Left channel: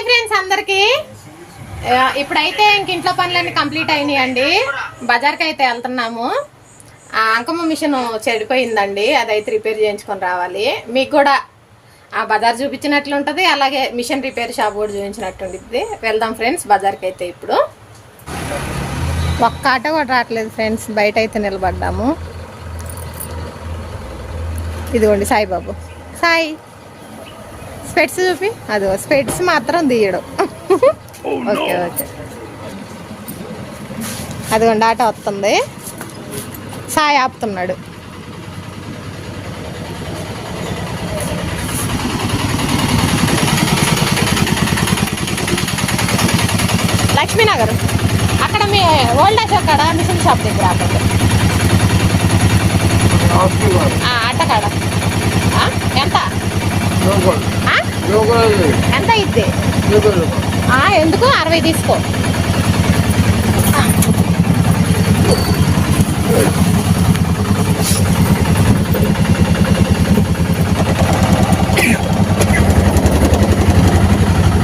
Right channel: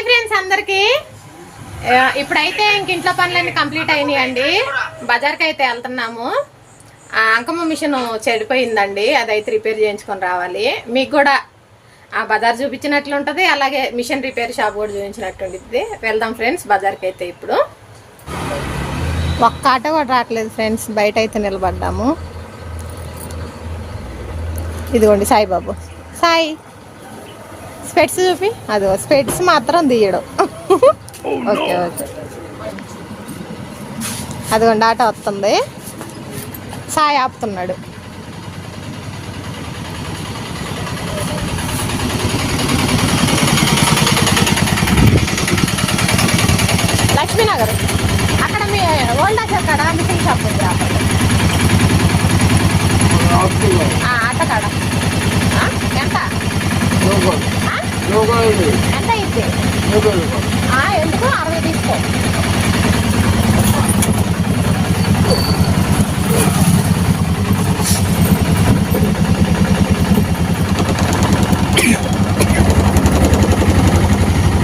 Hi friends అందరికి. ఇప్పుడైతే ఇంట్లో పనులన్నీ కంప్లీట్ అయినాయండి. బజార్కి అయితే వెళ్తున్నాము. అంకమ్మ మిషన్ చెడిపోయిందండి, అదైతే రిపేర్ చేయించుకొని రావాలి. మీకు కూడా ఆ బజార్ చూపించినట్లు ఉంటుంది, అలాగే మిషన్ రిపేర్ షాప్ కూడా చూపించినట్టు ఉంటుంది. వెళ్దాం ఫ్రెండ్స్ బజార్కి. అయితే ఇప్పుడు ఒక్క ఆటో కూడా రావట్లేదు ఫ్రెండ్స్, బయట అయితే నిలబడ్డాము. ఇదిగోండి సాయిబాబు. సాయి స్పెట్స్ చూపి. అదో స్పెట్స్ మాత్రం తీయడం. ఓకే ఓకే, అదిగోండి ఆటో వస్తుంది. సాయి ఆపుతున్నాడు. లక్ష్మీనగర్ అక్కడ మీ ఓల్డ్ ఏజ్ అక్కడ మిషన్ షాప్ దగ్గర ఆపండి. అట్టకాడ ఎంత ఎంత ఇద్ది? ఎందుకు 60 తీసుకో.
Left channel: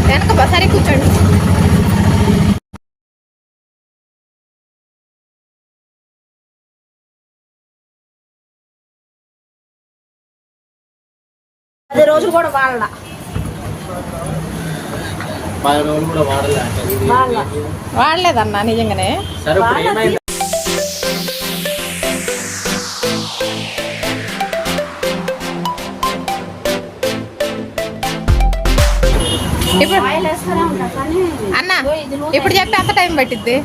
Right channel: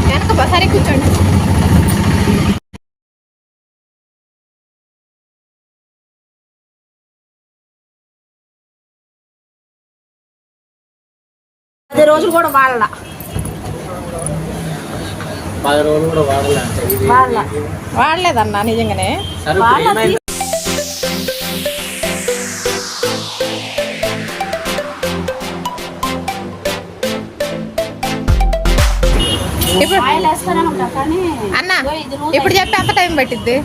వెనక సరే కూర్చోండి. రోజు కూడా వాడలా, 10 రోజులు కూడా వాడలేదన్నా నిజంగానే. ఇప్పుడు అన్న ఇప్పుడు చెప్పి ఎంత టైం పట్టిద్ది?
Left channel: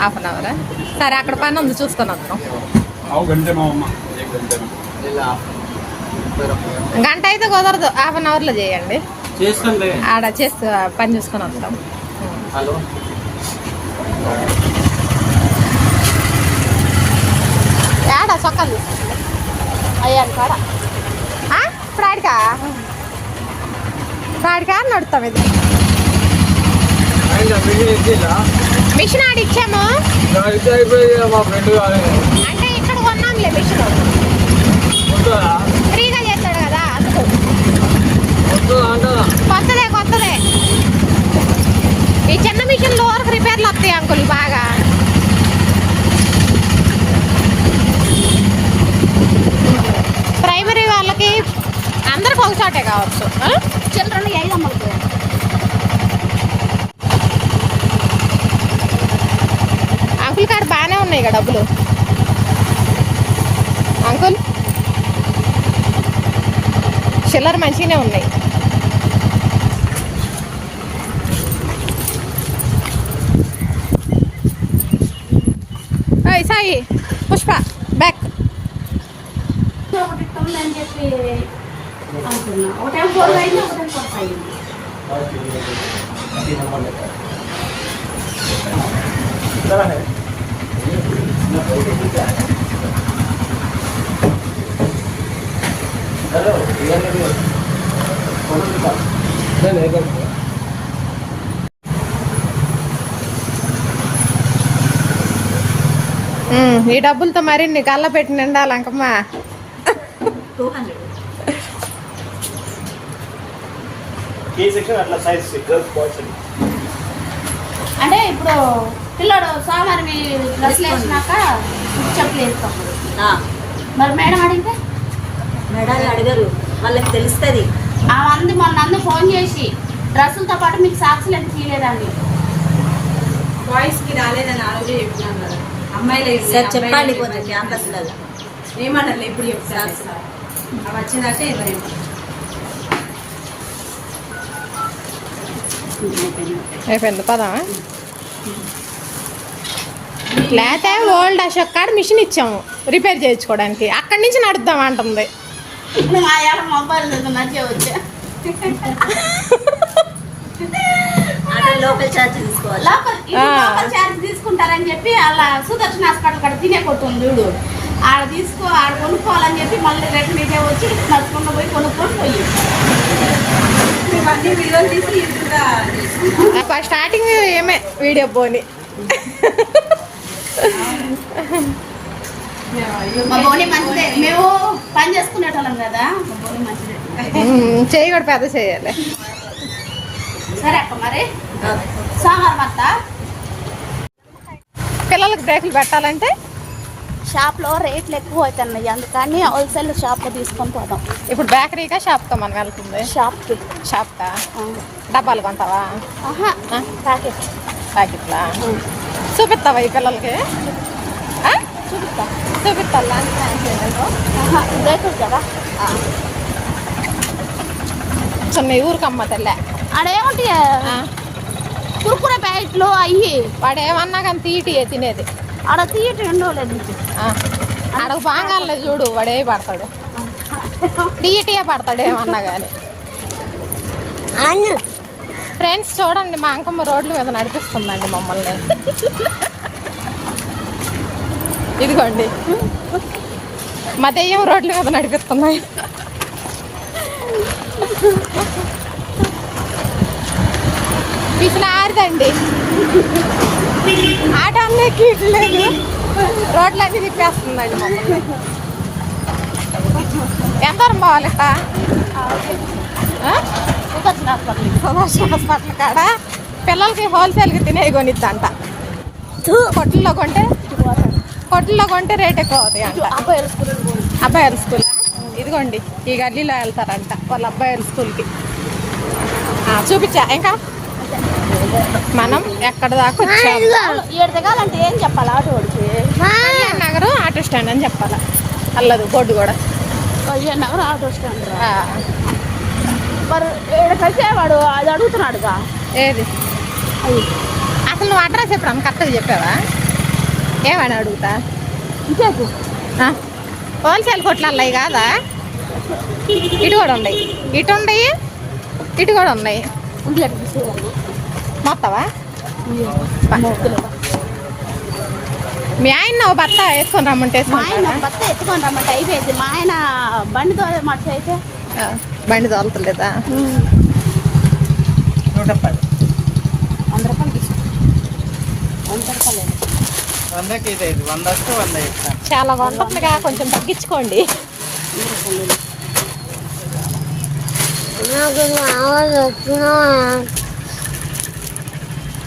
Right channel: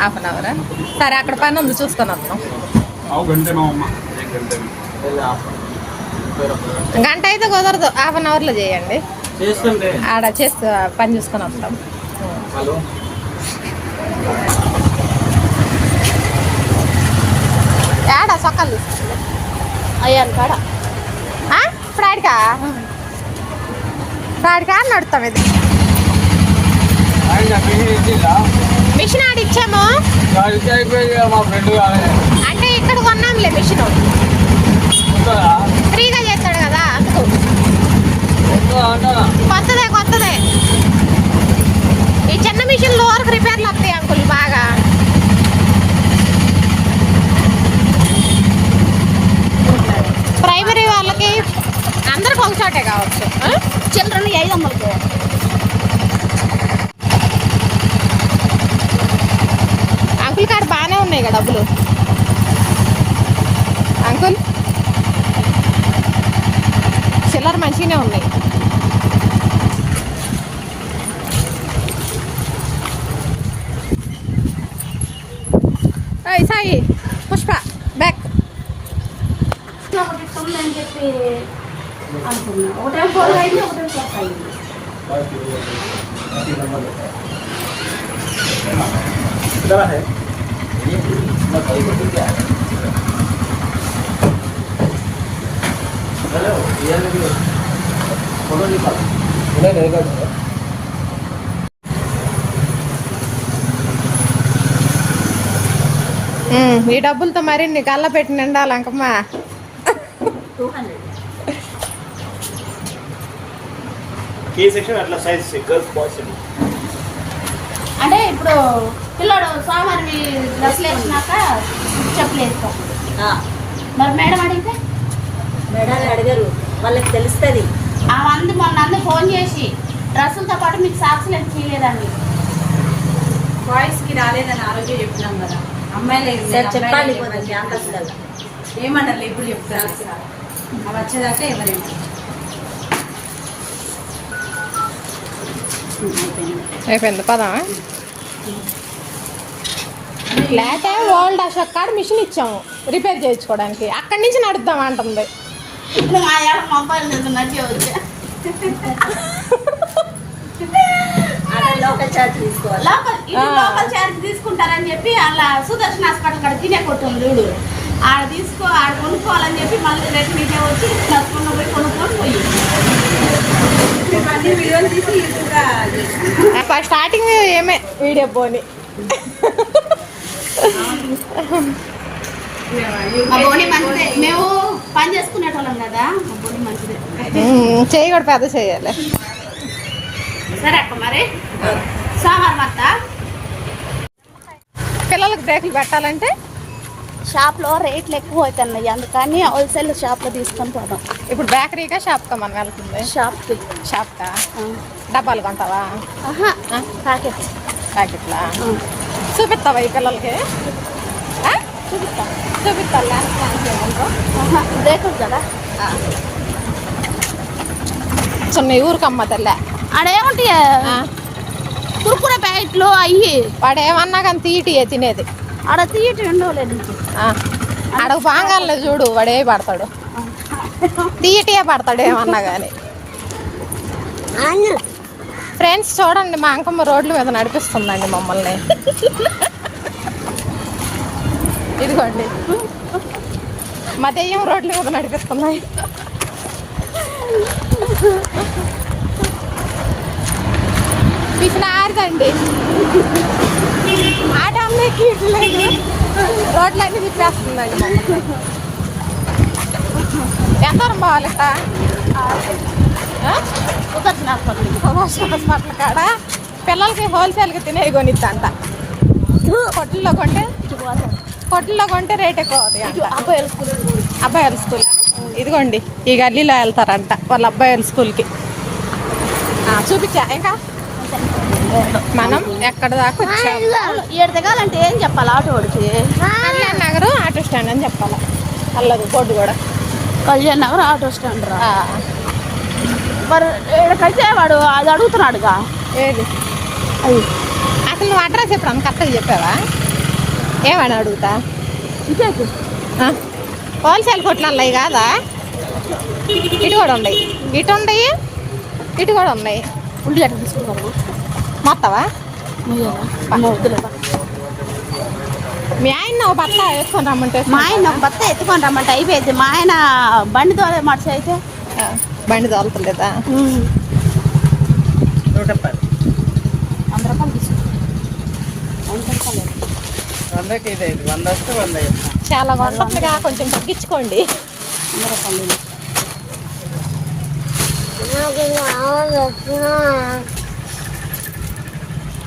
హాఫ్ అన్ అవరా? సరే అక్కడ పని ఉంది, చూసుకొని వస్తాం. గంట అయితే కుదరదు, హాఫ్ అన్ అవర్లో చేయండి. ఆడ చేస్తూ పని చూసుకొని వస్తాం. ఏడా సొక్కలు అయ్యాను కాడ ఇప్పుడు ఆడికా నడుస్తాం. ఇది మిషన్ ఆడి ఇచ్చాము అంటే ఇక్కడ కొన్నాంలే మిషన్, ఫ్రీగా చేస్తాడు కదా అందుకు. కొత్తదే ఈ చిన్న మిషన్లు వరకు రిపేర్లు వస్తాయి అంకుల్ బాగా. ప్రైమరీ వాళ్ళకి అందరికి ఒక చోటే కావచ్చు. చిల్డ్రన్ 500 అంకుల్ కాడ బాగానే ఉన్నాయి కదా డబ్బులు. అంకుల్ చిల్లర మంచిగానే ఉన్నాయి. సాయి పుష్ప బ్యాక్. అని చెప్పి అనుకున్నా, ఒకటే ఫోన్ అయింది, ఒకటే ఫోన్ అయింది. ఈ డబ్బులతో మరి నీ కళ్ళ పెట్టి నిండాలి అంకమ్మ. అంటే ఇప్పుడు పిల్లడు సోమవారం డ్రెస్లు వేసినాక చెప్పులు వేసుకోకూడదు. మరి మేడం అడిగితే మేడాలు అడగరు, వాళ్ళకి తెలుస్తుంది. ఆ మంది మొన్న ఫోన్ చేసి డ్రెస్సులతో పాటు మీకు సాక్సులు ఎంత తీయలేదండి. బాయ్స్కి రాలేదని ఆ రోజే చెప్పినాం కదా. అమ్మాయిలు చెప్పాలి క్యాంపస్లలో ఏమన్నా ఇప్పుడు చెప్తారు. అవి వచ్చేదాకా ఎవరైనా అయిపోయింది పదా. లేకపోతే ఓల్డ్ అశోక్ కాడ మిషన్ ఇచ్చాము రిపేర్ చేయించుకోవడానికి, అక్కడి నుంచి నడుద్దాం అంటుంది. మొబైల్ నచ్చే వచ్చా లోకల్ ఛార్జ్ తీసుకోవాలి. లోకల్ ఛార్జ్ తీసుకుంటారని చెప్పి అలా సుదర్శన్ హాస్పిటల్ కాడ తినే కొట్టుంది చూడు, ఆడ ఆడ కొనుక్కోవాలని చెప్పి మళ్ళీ రిటర్న్ ఇదే వచ్చి నడుచుకున్న పోయి కొనుక్కొని పోయి వీడియోలు తీసి స్టార్టింగ్ ఏమే వీడియో పోని మా బోని మంచిదే, మేము పని చేసుకునేటోళ్ళం కదా. మా బోని మంచిదే, చేయి కూడా పెద్ద చేయాలి. సరే అక్క మరి సోమవారం అత్త పిల్లలకి బ్రేకులు పెట్టాలంటే షాప్లో రేట్లు ఎక్కువ అవుతున్నాయి, అందుకని హోల్సేల్ షాప్లో తీసుకొని పోదాం. ఇప్పుడు బేకరీగా షాప్కా మనం వెళ్తుంది? షాప్కి. షాప్కా? డబ్బాలు కొంటావా? ప్యాకెట్. ప్యాకెట్లా? చూపిస్తావా ఈ పిల్లలకి? చూపిస్తా. చూపిస్తా ల్యాండ్ బ్రేకులు కదా. చిన్న ఊరికమ్మ తల్లి ఆడేముంటాయి కుర్కురే ప్యాకెట్లు అయ్యి వాడు ఏమన్నా కానీ తీటియే తినేది. ఆడ తీయటం ఉండలేదు నీకు. ఆడకు బాగాలే చూడు, వాడే పడతాడు, తీయటియే పడతాడు ఏమన్నా కానీ. ఫ్రెండ్స్ చూడండి, మా అంకమ్మ రోడ్ల మీద నడిపిస్తుందండి మమ్మల్ని. ఇదిగోండి మా దెయ్యం రోడ్ల మీద నడిపిస్తున్నాయి. పిసినారిదండి ఆటో అన్నీ కీట్లేదు, రోడ్లన్నీ తిప్పేస్తుందండి మమ్మల్ని. ఎంత పోవాలి ఇక? హాస్పిటల్ కాడ పిల్లలకి హోల్సేల్కి తినేవి కొనిద్దంట. కొట్లలో కొంటే రేట్ ఎక్కువ అవుతాయి. అబ్బాయిల స్కూల్ ఇదిగోండి ఈ గల్లీలో వెళ్తారంట వాళ్ళ అబ్బాయిల స్కూల్కి. చూపించా ఇంకా మనం ఎక్కడ దాకా వచ్చాము. 7 దిగాలంటే ఏం చెప్పాలి ఆటో వాడికి? కళ్యాణ్ నగర్ ఆటో స్టాండ్ అని చెప్పాలా? అల్లదు బోర్డు కూడా కళ్యాణ్ నగర్ ఆటో స్టాండ్. మరి ఇక్కడికైతే వాడు అది అడుగుతున్నాడుగా. ఏది అసలు నువ్వు అడ్రస్ ఎప్పుడు అన్న కరెక్ట్గా చెప్పావా? ఏమని అడుగుతా? ఇంకేకు హోల్సేల్ కొట్లల్లో కాదా? ఇటు కూడా ఉన్నాయి, ఇటు ఉన్నాయి, ఇటు కూడా ఉన్నాయి. మొత్తవా? మీ ఆయన బత్త వేసుకొని రమ్మంటే మా ఆయన బత్త ఎత్తుకొని రమ్మంటే అయిపోయింది. మా ఆయన బండి తోలే మాట అయితే బండి తోలుతలేదా? 100 రూపాయలు తీసుకు. 100 రూపాయలు చాలా వంటగా కొంచెం తగ్గించుకోండి.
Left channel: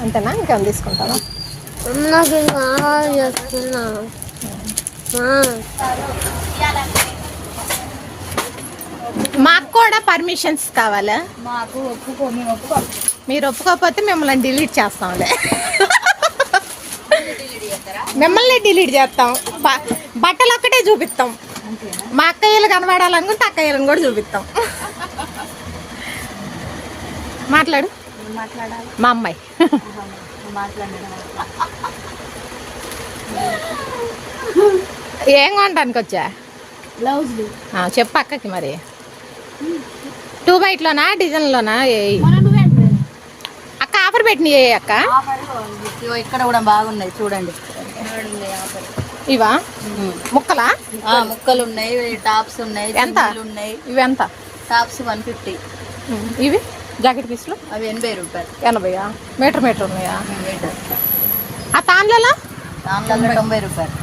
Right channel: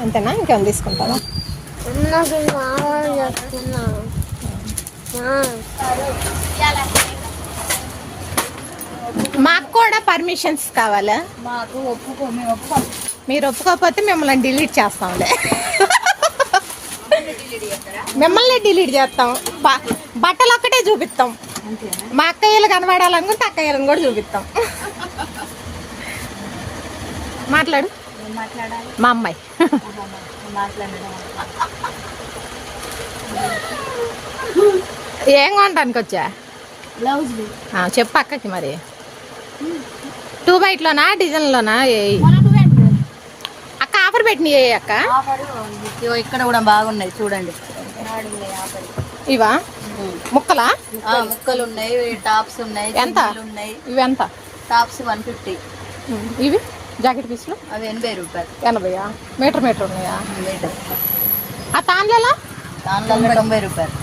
అంతేనా? ఇంకేమైనా తీసుకుంటావా? మాకు కూడా పర్మిషన్స్ కావాలా? మాకు ఒప్పుకో. మీరు ఒప్పుకోకపోతే మిమ్మల్ని డిలీట్ చేస్తాంలే. మిమ్మల్ని డిలీట్ చేస్తాం. బట్టలు ఒక్కటే చూపిస్తాం. మా అక్కయ్యలు కనబడాలనుకుంటే అక్కయ్యలను కూడా చూపిస్తాం. మాట్లాడు. మా అమ్మాయి ఏం కొనడానికి వచ్చా? బ్లౌజులు చెప్పు అక్కకి. మరి 2 బైట్లోనా డిజైన్లోనా? అక్క ఆఫర్ పెట్టినాయి అక్క. ఇక్కడ కూడా బాగున్నాయి చూడండి. ఇవా ముక్కలా? ముక్కలు ఉన్నాయి, టాప్స్ ఉన్నాయి. ఎంత ఇవి? ఎంత? టాప్స్ 150. ఇవి జాకెట్ పీసులు అవి 80 రూపాయలు. 80? మీటర్ ఉన్నాయా? ఆ తాన్లలో 90 రూపాయలు.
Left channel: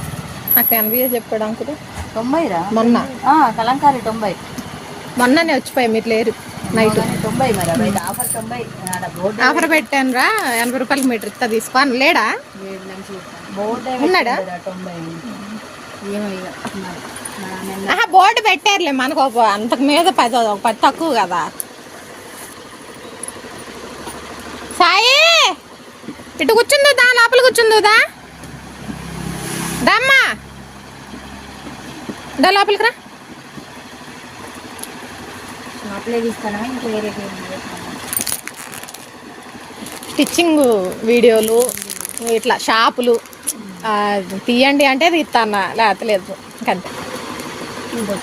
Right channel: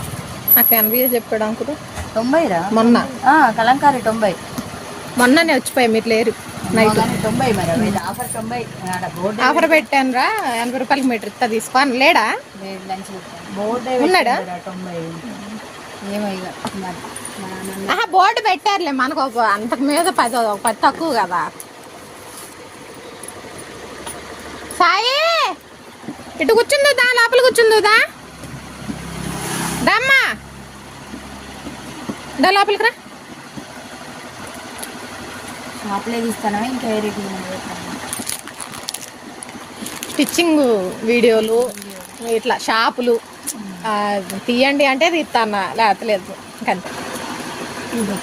నాకు 80 చెప్పాడు అంకులు. 90రా? మొన్న కలంకారీ 90. మొన్ననే వచ్చిపోయాయి, మీరు లేరు నైట్. 90 మరి ఆఫర్ 90. ఆఫర్ పెట్టాను రా, 80 రూపాయలకి మీటర్ ఇస్తా తీసుకో అని. లేడా? ఉన్నాడా? 90. బోర్డు పెట్టారులే మనకు. అంతకు మీద 10 తక్కువ కదా. సాయి ఇటు కూర్చుందా? లోపల కూర్చుందా? దమ్మా లోపలికి రా. స్టిచ్చింగ్ వీడియోలు ఇట్లా షాపులు తీయండి అంటే తీస్తాను, లేకపోతే లేదు. ఇంకంతే.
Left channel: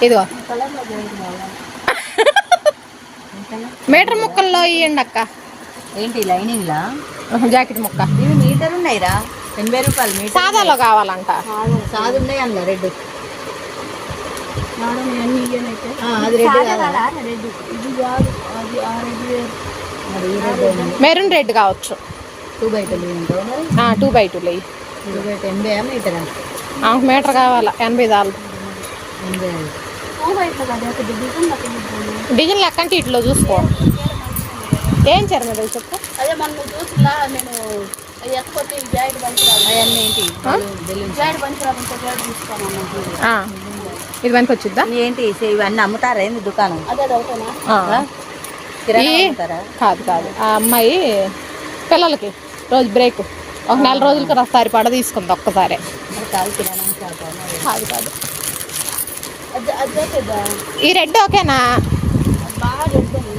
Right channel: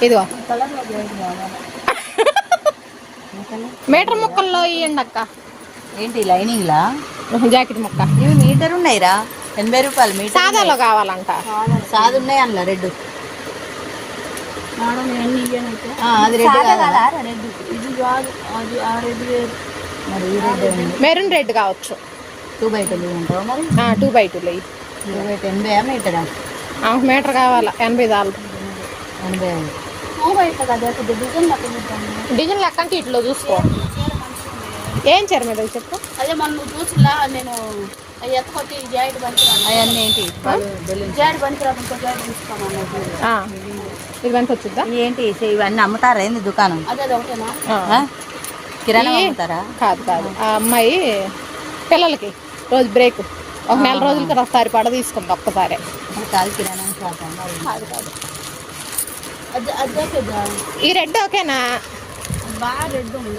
ఇదిగో మీటర్ ముక్కల్లో ఇవ్వండి అక్క. ఏంటి లైనింగ్ లా? జాకెట్ ముక్క. ఇవి మీటర్ ఉన్నాయిరా, 80 రూపాయలు మీటర్. సాదాలో కావాలంట. సాదు ఉన్నాయి అన్న రెడ్. మెరూన్ రెడ్ కావచ్చు. 2 బై 2 2 బై 2 లేదు. 80 మీటరా? మీటర్ కావాలా? 80 చాలు. డిజైన్ లెక్క అంటే ఇట్లో చూసుకో. ఏం చీర మీద చెప్పు. అదే మొన్న నువ్వు చూసిలా నేను ఎత్తుకొచ్చి జాయిడ్ పనికిరాదు అవన్నీ ఏంటి జాయిడ్ పనికిరాదు ఇంకో జాయిడ్ తీసుకోమన్నది. ఆ, ఇది మనకి వచ్చిద్దా? ఏంటి ఇవన్నీ అమ్ముతారా ఏంది దుకాణం? అదే ఒకటేనా? ఆ. కిరాణా ఈ- అమ్ముతారా? కాదు కాదు, ఆ అమ్మాయి పిల్లలకి రోజు బ్రేక్ ఒక 4 రోజులకి ఒకసారి పడ తీసుకుంది ఒక్కసారి. కాదు కిరాణా షాప్ కాదు కాదు, అదే ఈ రెడ్ ఓకేనా? బాగా రెడ్ ఉంది.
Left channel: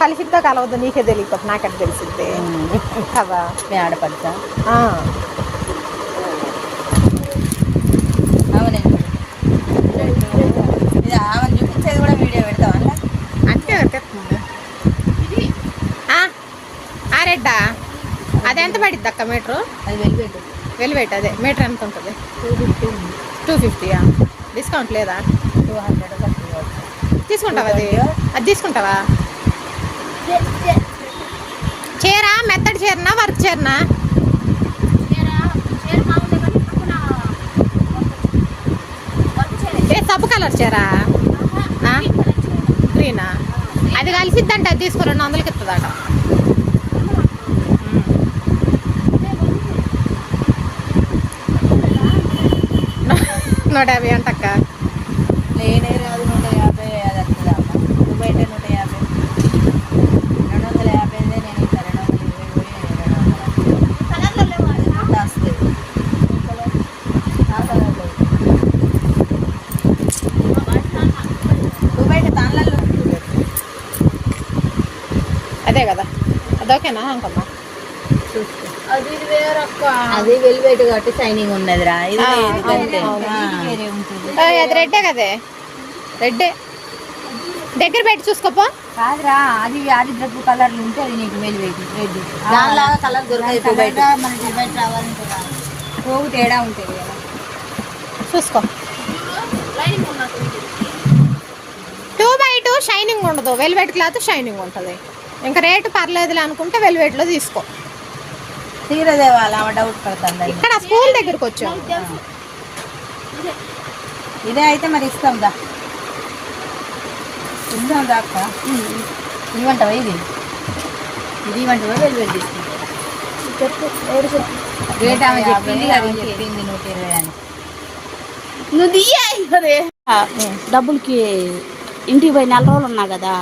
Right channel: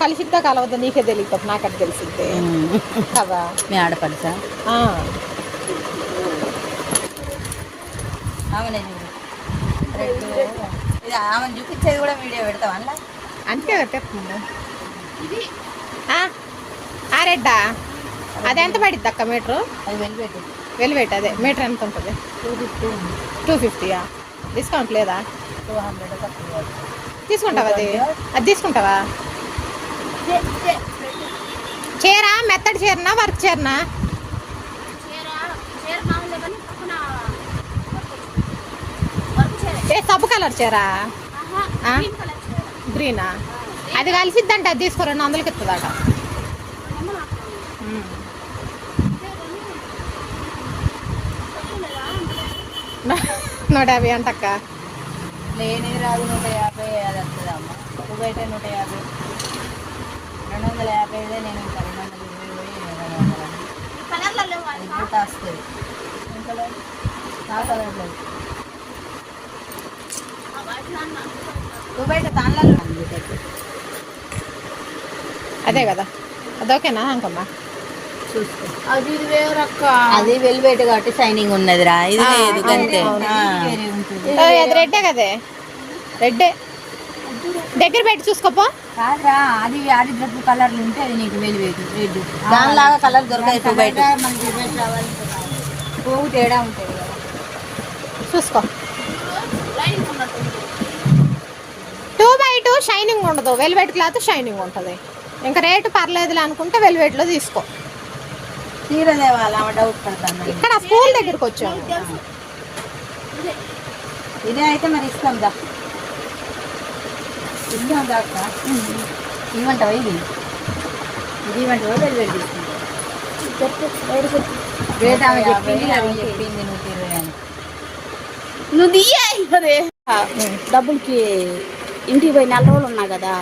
కలిసిద్దా కలవద్దు నీకే తెలియకపోతే నాకంటే తెలిసిద్ది కదా. మీ ఆడపడుచా ఆ. ఆమెనే ఇది ఆమెను చూపించేది కూడా వీడియో పెడతావా అన్న? అంతే పెట్టేస్తుంది. ఆ రెడ్డా అది ఎంత పడిద్ది అక్క మీటరు? అది వెళ్ళిపెట్టు. వెలివేట్ అదే మీటర్ ఎంత ఉంటుంది? 250. డిస్కౌంట్ లేదా? 200 తీసుకుంటావా? అది తీసుకుంటావా? చీర మెత్తడి చీరనా వర్క్ చీరనా? చీర మామూలే కానీ పక్కన వర్క్ చీర. సబ్బు కలర్ చీర ఆ? గ్రీనా? అది కలిసిద్దంట, అది తీసుకో 200కి ఇస్తుందట. 150 అంటక్క. నేనే రాదు 150 అది వస్తుంది అమ్మ. నువ్వు బయట 150 250 నేను ఇంకా 220 కలర్లో లేవు అసలు. వస్తుంది. నువ్వు బయట తాళ్ళల్లో అదే కదా, అదొకేనా అంకమ్మ? చూసుకో. అది ఇది వేరక్క. అది వెల్వెట్ కాబట్టి షైనింగ్ ఉన్నదిరా. ఇది ఆ, లేదు అవును, అంతే. అవును. వేరే ఉంటుంది. అది రెడ్డే కదే, రెడ్డే. దగ్గర పెట్టి చూసుకోపో. కాదురా, అది అది డబ్బు కలర్లు ఉంటే అది నీకు వెల్వెట్ రెడ్. దానిలాగా కలర్ దొరకదు బయట. మనకి బయట రావాలంటే పోగు తేడా ఉంటుంది కదా. చూసుకో. లైనింగ్ ఉన్నట్టుంది. 2x2 షైనింగ్ ఉండదు, వెల్వెట్ క్లాత్ షైనింగ్ ఉంటుంది. ఇంకా రేటు పర్లేదులే అనుకుంటే వెల్వెట్లో తీసుకో. చీర తేవాలి ఆమె డౌట్ పడుతుంది. ఇక్కడ స్కూల్ దగ్గరకు వచ్చాము. తెలుసు. ఇదే అయితే మరి ఇస్తాం దా. ఇస్తాం దా అక్క. ఇవ్వంటావా ఇది? ఇది ఇవ్వంటావా వెల్వెట్ తీసుకుంటా? చెప్పు ఎవరు చెప్పు. రేట్ ఆమె చెప్పింది కదా, చెప్పింది 120 అని. నువ్వు దియ్యే అదే డబ్బులకి ఇంటికి పోయి 4 రోజులు ఉన్నా కదా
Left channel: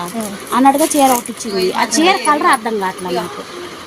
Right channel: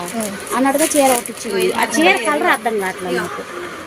అన్నట్టుగా చీర కట్టించింది. ఆ చీర కలర్ అర్థం కావట్లేదు నాకు.